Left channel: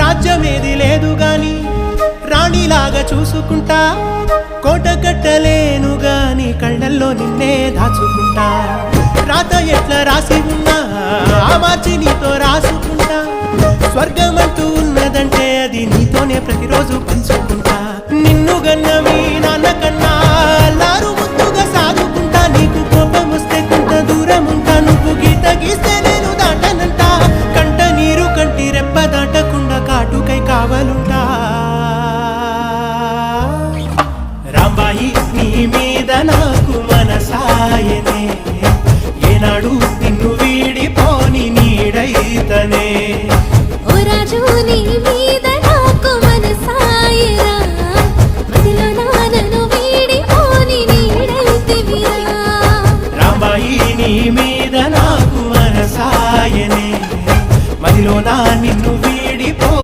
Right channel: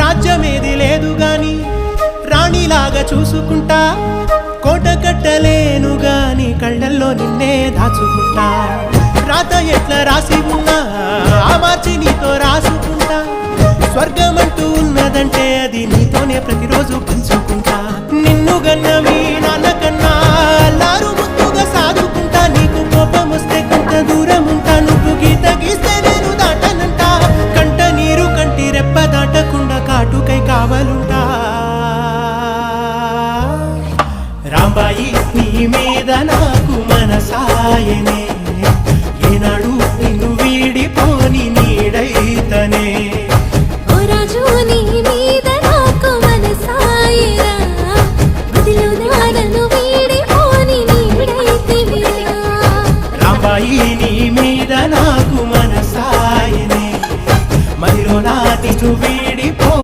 రాజ్యమేది లేదు గాని రాణిలాగా చూసుకుంటా, కోట కట్టలేను గాని కళ్ళల్లో నిన్నే దాచుకుంటా. రాత ఎట్లా రాసి ఉన్నా ఆ మార్చి నీతో రాసుకుంటా. స్వర్గమంటూ ఉన్నదంటే అది నీతోనే ప్రతిరోజు పంచుకుంటా. నిన్ను గన్న మీ నాన్న కన్నా అల్లారు ముద్దుగా సాదుకుంటా. నీకు కోపం వస్తే కొంత దూరం ఉంటా, నువ్వు గీత గీస్తే నేను దాటనంటా. కంట నీరు కంటి రెప్ప దాటకుండా కాటుకై కావలుంటా.